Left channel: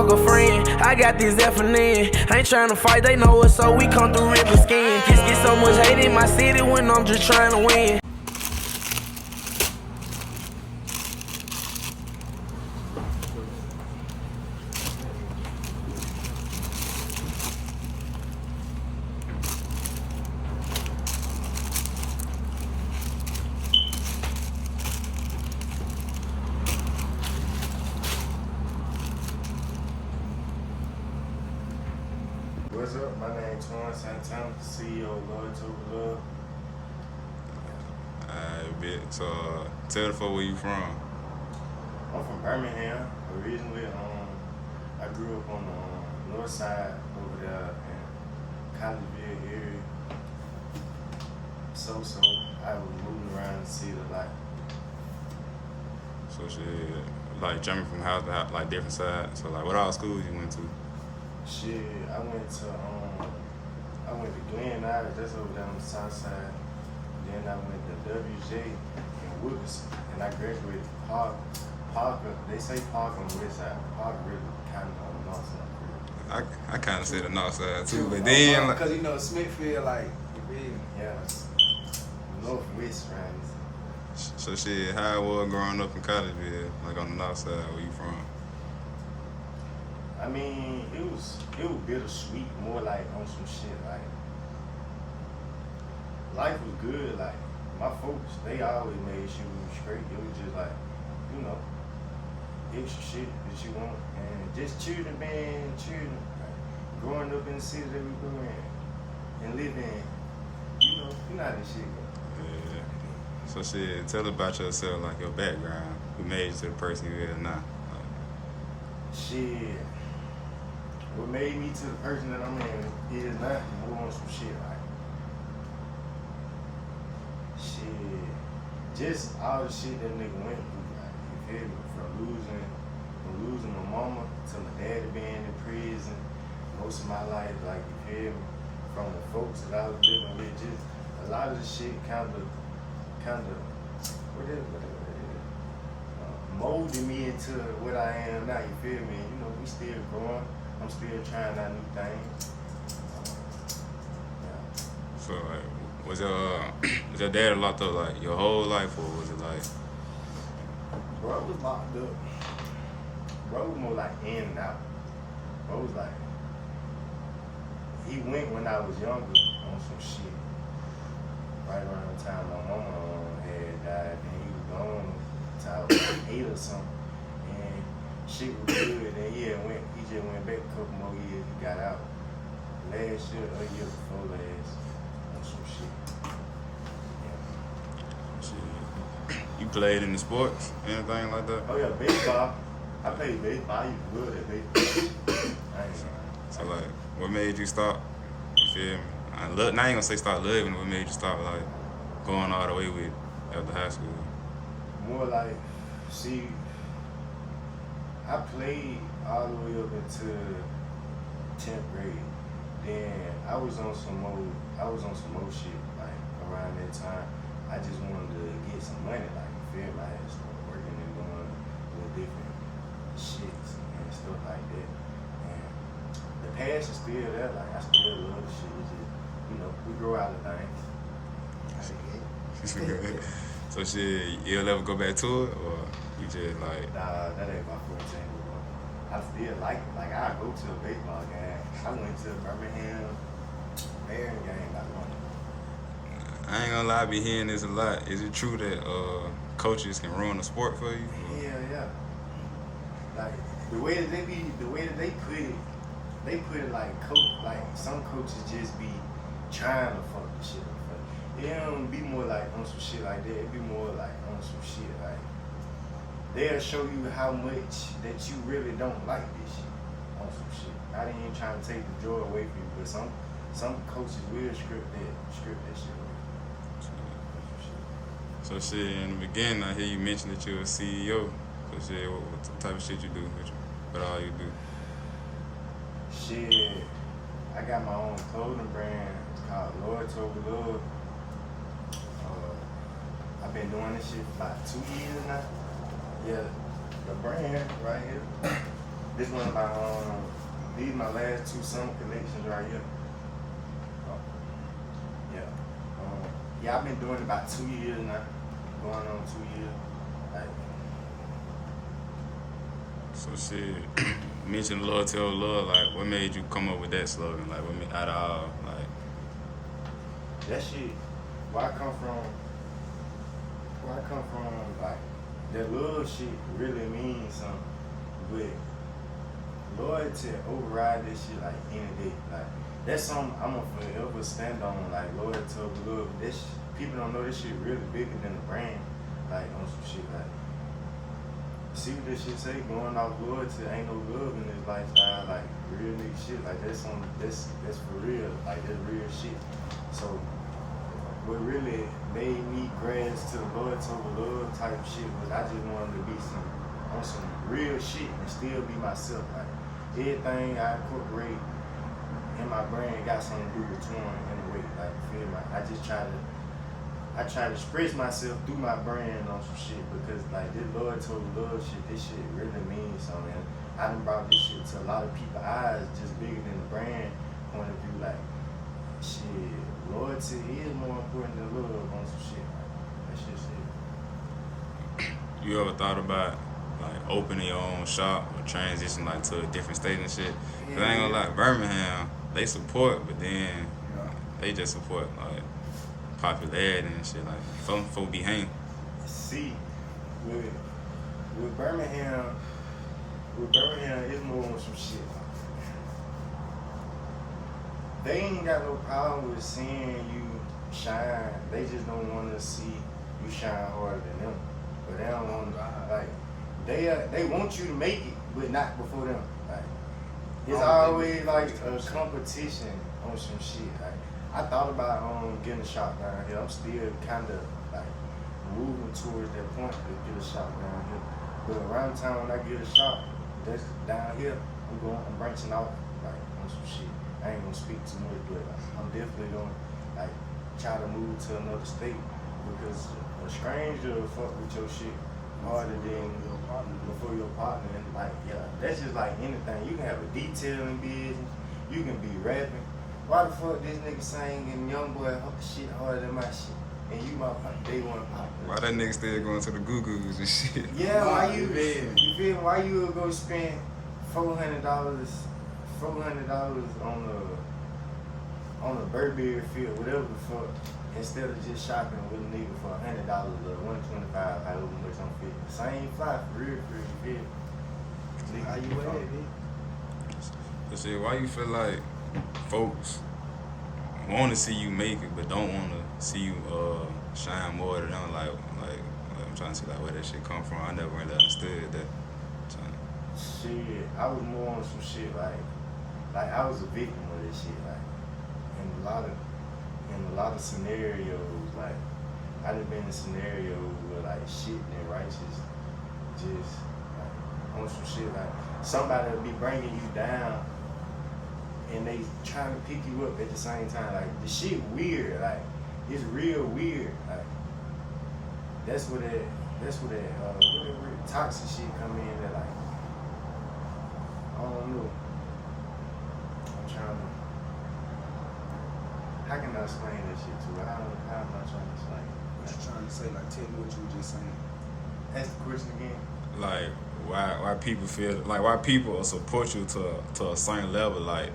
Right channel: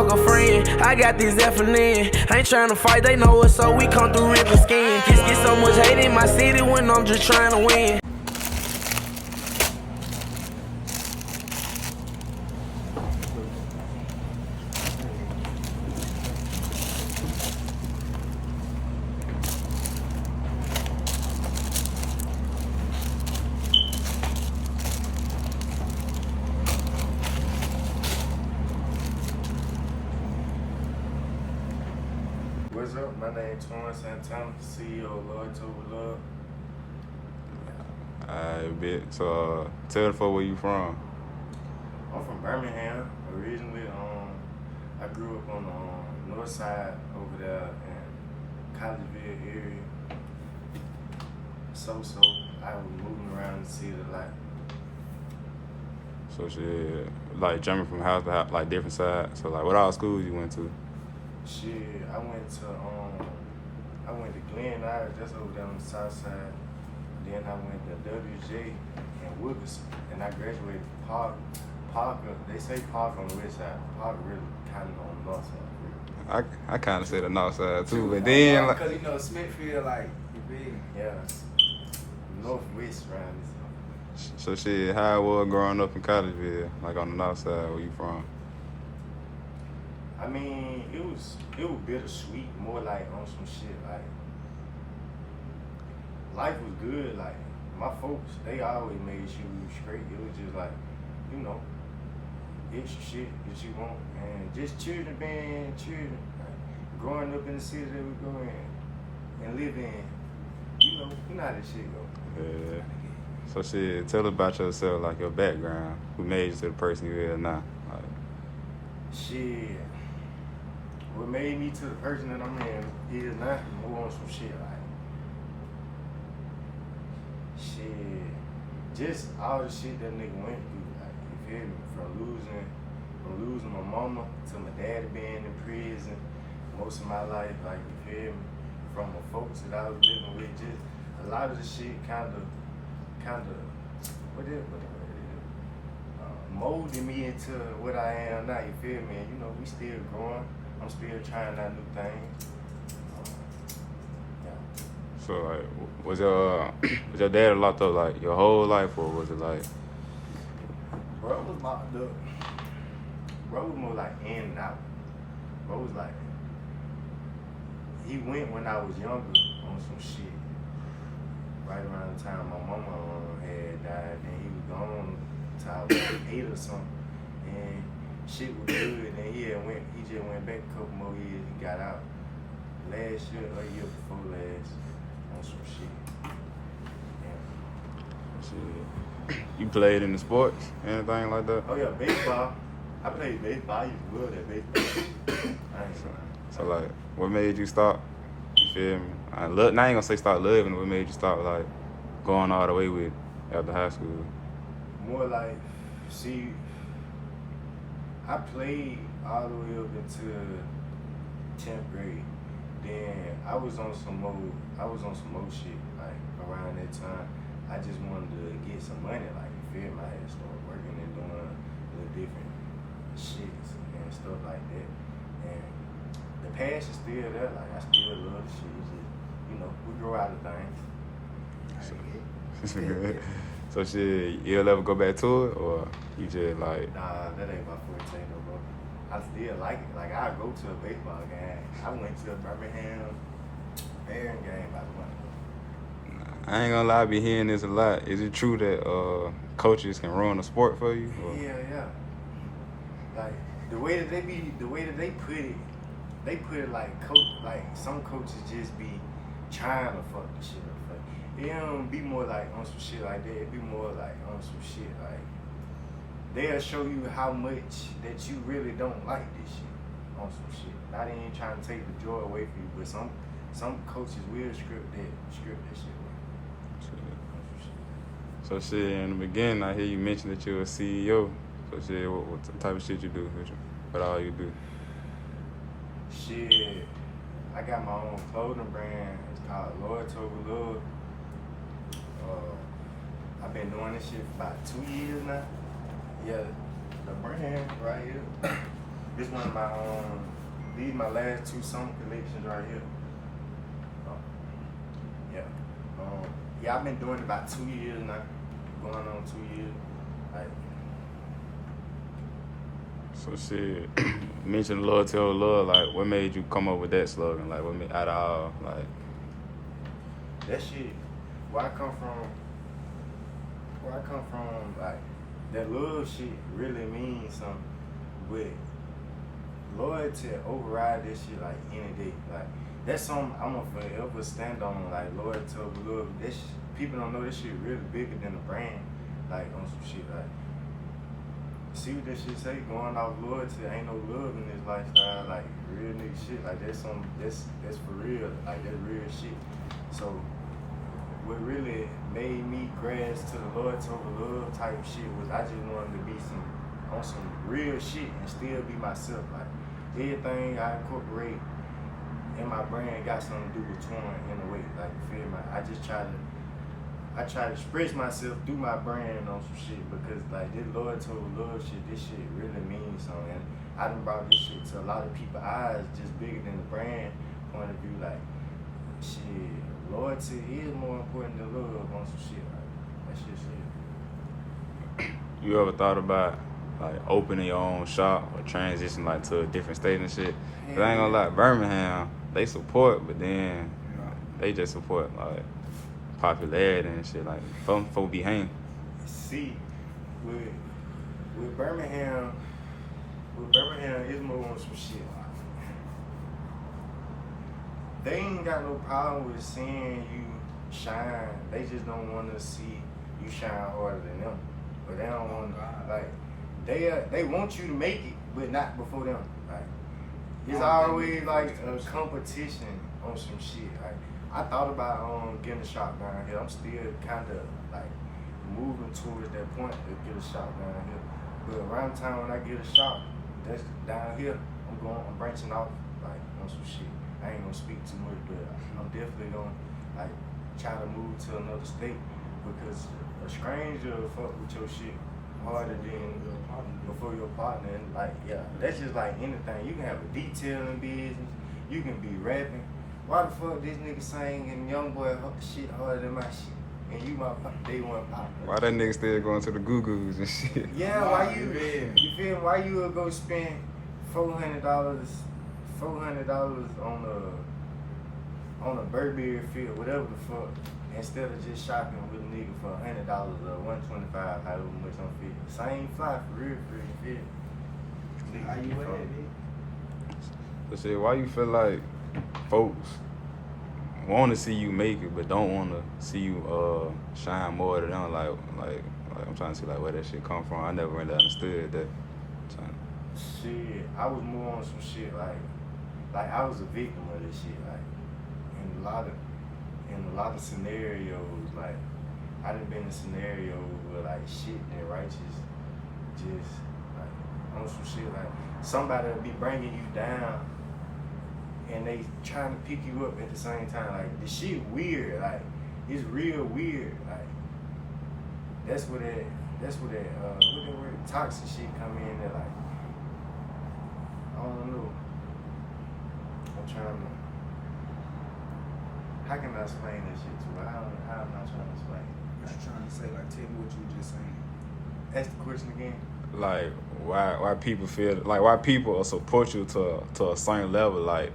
fuck a friend. I got this effing in. Ain't tryna fight, they know it, so we come through ripping skin. Get so much hate in my city when I'm just trying to win. What's up? My name is Twion, Santana, CEO of Lord to Love. Alright, bet. So, tell the folks where you from. I'm from Birmingham originally. I grew up on the north side over there in Collegeville area. So I was moving around the city a lot. So shit, like jumping from house to house, like different sides. So like, what all schools you went to? Shit, I went to Glen Irish, that's over there on the south side. Then I went to WJ in Wilkerson, and I graduated from Parker. They say Parker on the west side. Parker really kind of on the north side. I kind of said the north side too, but then because you know Smithfield, like you feel me? Yeah, northwest round. So shit, how it was growing up in Collegeville, like on the north side, where you from? I mean, it was bittersweet, more like on some shit like life was good. Like my folks, they always made sure we was straight. It was just like, you know, extra shit that you want, and just children being children, like growing up in the city that we grew in and living, you know how this shit go. Yeah. So shit, tell us about yourself, like your background. Who made you to the person you are now? Shit. What made me to the person that I'm in is not more on some shit like shit. Just all the shit that nigga went through, like, you feel me? From losing my mama to my daddy being in prison most of my life, like, you feel me? From the folks that I was living with, just a lot of the shit kinda molded me into what I am now, you feel me? And, you know, we still growing. I'm still trying out new things. Yeah. So like, was your dad locked up like your whole life, or was it like? Bro was locked up. Bro was more like in and out. Bro was like, he went when I was younger on some shit. Right around the time my mama had died, and he was gone till I was like 8 or something. And shit was good, and he just went back a couple more years. He got out last year or year before last on some shit. Yeah. Shit. You played in the sports, anything like that? Oh yeah, baseball. I played baseball. I used to love that baseball. I ain't know. So like, what made you stop? You feel me? Now I ain't gonna say start loving. What made you stop like going all the way with after high school? More like, see, I played all the way up into 10th grade. Then I was on some more shit, like around that time. I just wanted to get some money, like, you feel me? I had to start working and doing little different shits and stuff like that. And the passion's still there, like I still love the shit. It's just, you know, we grow out of things. So shit, you'll ever go back to it, or you just like? Nah, that ain't my forte, bro. I still like it. Like, I go to a baseball game. I went to a Birmingham Marion game by the way. I ain't gonna lie, I be hearing this a lot. Is it true that coaches can ruin the sport for you? Or? Yeah. Like the way that they put it like some coaches just be trying to fuck the shit up. It don't be more like on some shit like that. It be more like on some shit like they'll show you how much that you really don't like this shit on some shit. I ain't even trying to take the joy away from you, but some coaches will script that shit away. So shit, in the beginning, I hear you mention that you're a CEO. So shit, what type of shit you do? What all you do? Shit, I got my own clothing brand. It's called Lord to Love. I've been doing this shit for about 2 years now. Yeah, the brand right here This one of my these my last 2 summer collections right here. Yeah. Yeah, I've been doing it about 2 years now. Going on 2 years. Like, So shit, mention loyalty over love. Like, what made you come up with that slogan? Like, what made, out of all, like, that shit, where I come from, like, that love shit really means something. But loyalty override that shit like any day. Like, that's something I'm gonna forever stand on, like loyalty over love. This people don't know this shit really bigger than the brand. Like on some shit like, see what that shit say, going off loyalty, ain't no love in this lifestyle, like real nigga shit. Like that's for real, like that's real shit. So what really made me grasp to the loyalty over love type shit was I just wanted to be on some real shit and still be myself. Like everything I incorporate in my brand got something to do with Twion in a way. Like feel me? I try to express myself through my brand on some shit because like this loyalty over love shit, this shit really means something. And I done brought this shit to a lot of people's eyes just bigger than the brand point of view. Like shit, loyalty is more important than love on some shit. Like, that shit. you ever thought about like opening your own shop or transition like to a different state and shit? Cause I ain't gonna lie, Birmingham, they support, but then they just support like popularity and shit. Like folk be hanging. See, with Birmingham, it's more on some shit. They ain't got no problem with seeing you shine. They just don't want to see you shine harder than them. But they don't want to, like, they want you to make it, but not before them. Like, it's always like a competition on some shit. Like, I thought about getting a shop down here. I'm still kind of like moving towards that point to get a shop down here. But around the time when I get a shop, that's down here, I'm branching out like on some shit. I ain't gonna speak too much, but I'm definitely gonna like try to move to another state because a stranger will fuck with your shit harder than before your partner. And like, yeah, that's just like anything. You can have a detailing business, you can be rapping. Why the fuck this nigga singing Young Boy shit harder than my shit? And you my day one partner. Why that nigga still going to the Goo-Goos and shit? Yeah, why you feel me? Why you would go spend $400 on a Burberry field, whatever the fuck, instead of just shopping with a nigga for $100 or $125, however much I'm feeling. Same fly for real, feel me? How you at, But shit, why you feel like folks want to see you make it, but don't want to see you shine more than them? Like I'm trying to see like where that shit come from. I never really understood that. Shit, I was more on some shit like I was a victim of this shit. Like in a lot of scenarios, like I done been in scenarios where like shit that righteous just like on some shit like somebody will be bringing you down and they trying to pick you up at the same time. Like the shit weird, like it's real weird. Like that's where that word toxic shit come in. That like I don't know. I'm trying to. How can I explain this shit to her? How am I trying to explain it? What you trying to say? Like, tell me what you were just saying. Ask the question again. Like why people feel like why people will support you to a certain level, like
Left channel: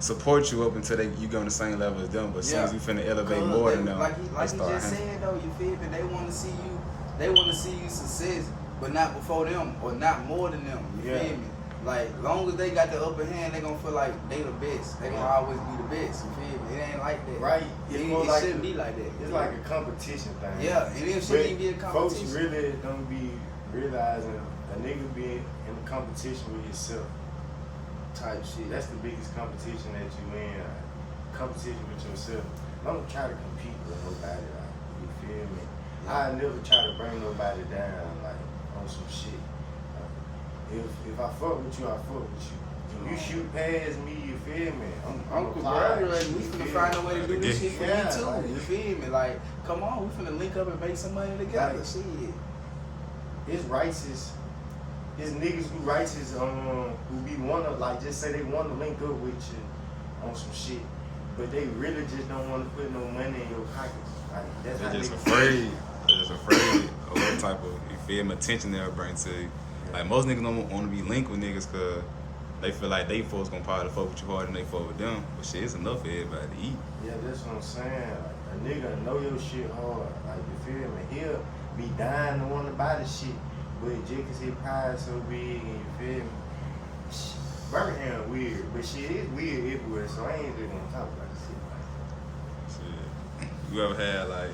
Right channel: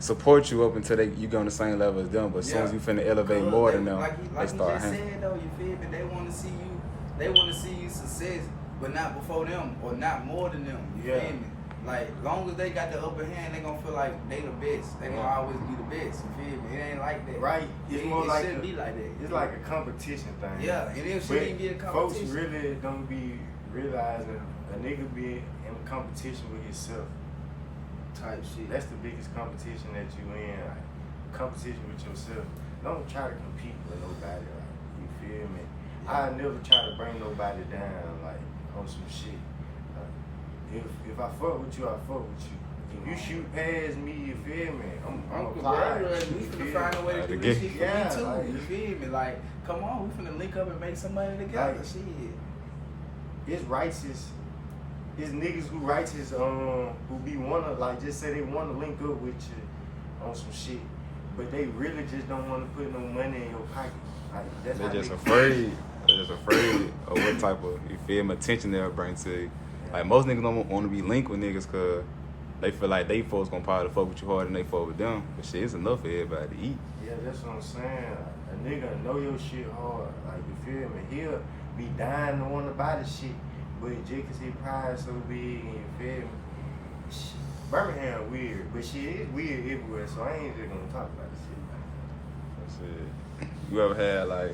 support you up until you go on the same level as them, but as soon as you finna elevate more than them, like you just said though, you feel me? They want to see you success, but not before them or not more than them. You feel me? Like long as they got the upper hand, they gonna feel like they the best. They gonna always be the best. You feel me? It ain't like that. Right. It's more like shouldn't be like that. It's like a competition thing. Yeah, and it shouldn't be a competition. Folks really don't be realizing a nigga be in a competition with yourself. Type shit. That's the biggest competition that you in. Like, competition with yourself. Don't try to compete with nobody. Like, you feel me? I never try to bring nobody down. Like on some shit. If I fuck with you, I fuck with you. If you shoot past me, you feel me? I'm congratulating. We finna find a way to do this shit for me too. Like, you feel me? Like, come on, we finna link up and make some money together. Like, shit. It's righteous his niggas who writes his who be wanna like just say they wanna link up with you on some shit, but they really just don't wanna put no money in your pocket. Like that's how They're just niggas afraid. They're just afraid of what type of, you feel me, attention they'll bring to you. Yeah. Like most niggas don't want to be linked with niggas because they feel like they folks gonna probably fuck with you harder than they fuck with them. But shit, it's enough for everybody to eat. Yeah, that's what I'm saying. Like a nigga know your shit hard. Like you feel me? He'll be dying to want to buy the shit, but just cause his pride so big, and you feel me? Birmingham weird, but shit is weird everywhere. So I ain't just gonna talk about this shit. Shit. You ever had like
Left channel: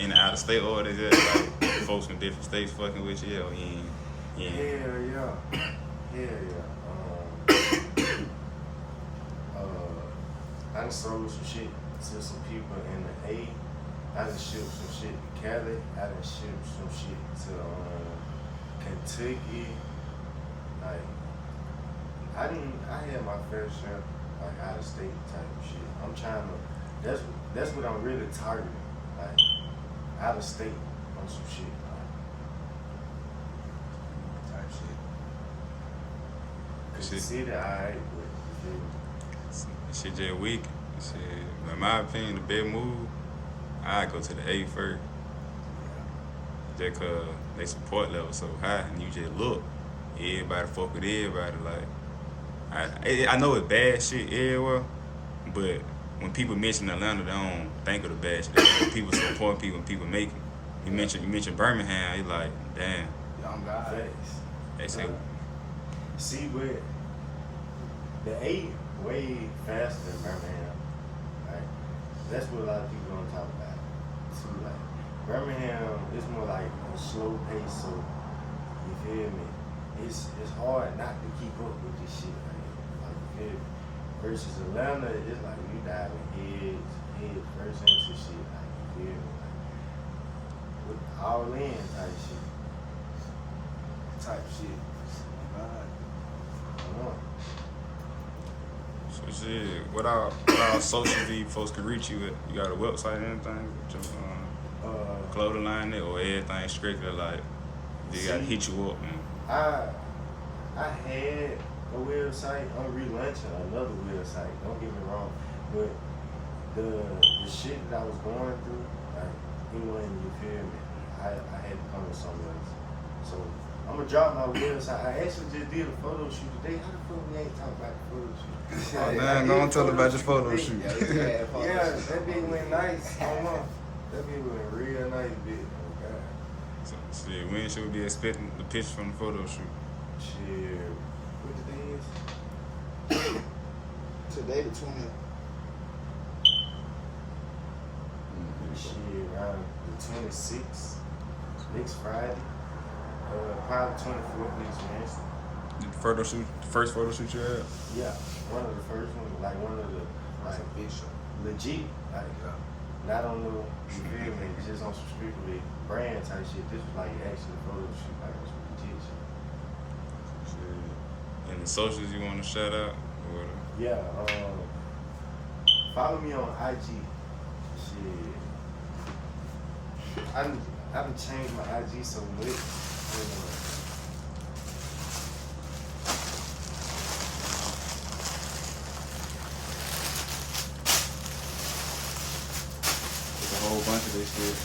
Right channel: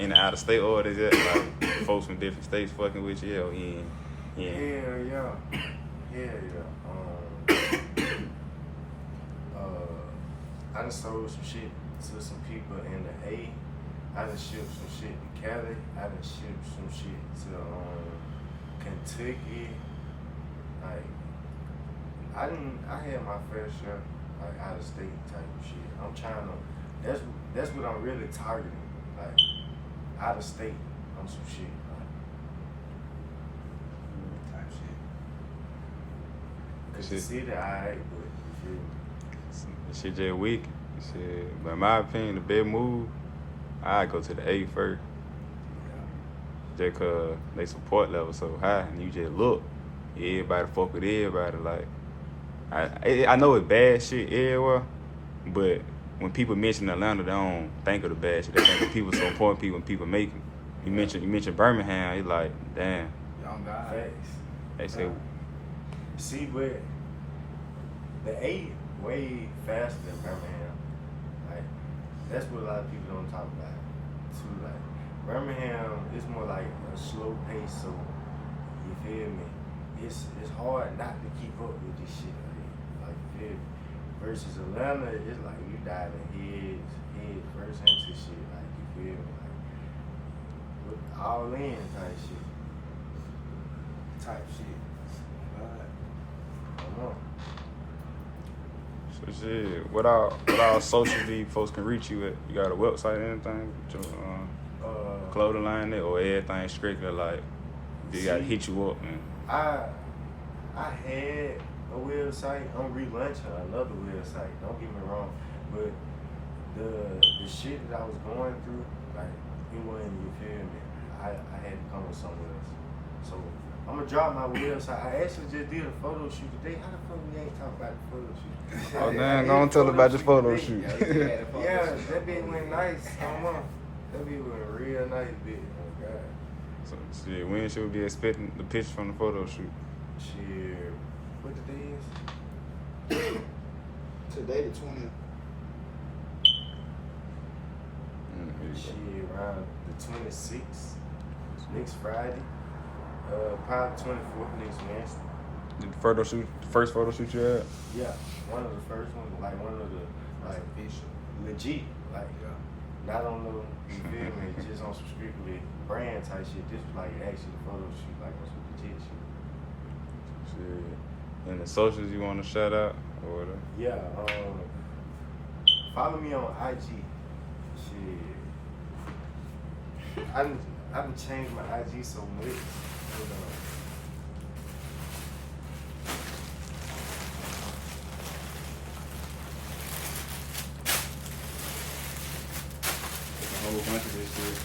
in the out of state orders that like, folks from different states fucking with you? Or you ain't- Hell yeah, hell yeah. I done sold some shit to some people in the A. I done shipped some shit to Cali. I done shipped some shit to Kentucky. Like I had my fair share like out of state type of shit. I'm trying to. That's what I'm really targeting. Like out of state on some shit. Type shit. Cause the city alright, but you feel me? Shit just weak. Shit, but in my opinion, the best move, I go to the A first. Just cause they support level so high, and you just look, everybody fuck with everybody. Like, I know it's bad shit everywhere, but when people mention Atlanta, they don't think of the bad shit. They think of people supporting people and people make it. You mention Birmingham, it's like, damn. Young guy. Facts. They say, See, but the A way faster than Birmingham. Like that's what a lot of people don't talk about. Too like Birmingham is more like a slow pace, so you feel me? It's hard not to keep up with this shit. Like you feel me? Versus Atlanta, it's like you diving head first into shit. Like you feel me? Like with all in type shit. Type shit. God. Come on. so shit, what all socially folks can reach you at? You got a website or anything? Clothing line there, or everything strictly like, you gotta hit you up, man. I had a website. I'm relaunching another website. Don't get me wrong, but the shit that I was going through, like it wasn't. You feel me? I had to come with something else. So I'm gonna drop my website. I actually just did a photo shoot today. How the fuck we ain't talk about the photo shoot? Man, don't tell about your photo today. shoot. Yeah, that bitch went nice. Hold on. That bitch went real nice, bitch. Oh God. So shit, when should we be expecting the picture from the photo shoot? Shit. What the day is? Today the 20th. Shit, around the 26th, next Friday. Probably 24th next Wednesday. The photo shoot, the first photo shoot you had? Yeah, one of the first ones, like one of the like legit, like not on no, you feel me, just on some strictly brand type shit. This was like actually a photo shoot, like on some legit shit. Shit. And the socials you want to shout out or whatever? Yeah, follow me on IG. Shit, I done changed my IG so much. There's a whole bunch of this shit.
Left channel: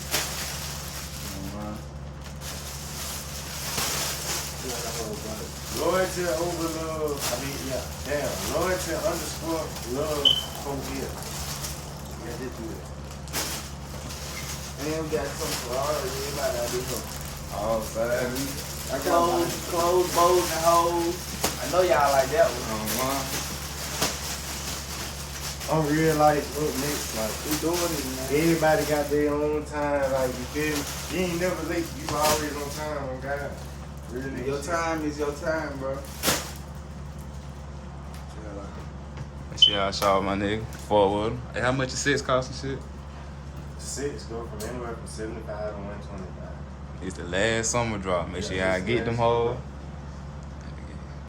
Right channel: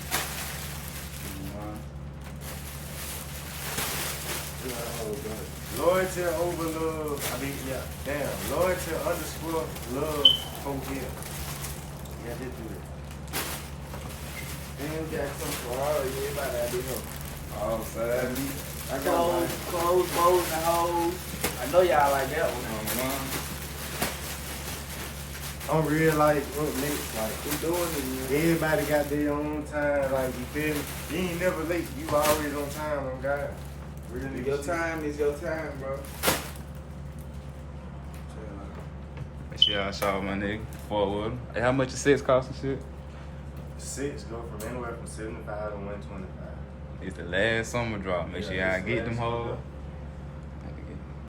Loyalty over love. I mean, yeah, damn. Loyalty underscore love over here. Yeah, just do that. And we got some for all everybody out there. All side. Clothes, bows, and hoes. I know y'all like that one. I'm real like up next, like We doing it, man. everybody got their own time, like you feel me? You ain't never late, you always on time, on God. Really Your time is your time, bro. Make sure y'all shout out my nigga. Forward. Hey, how much your sets cost and shit? Six go from anywhere from 75 to 125. It's the last summer drop. Make sure y'all get them hoes.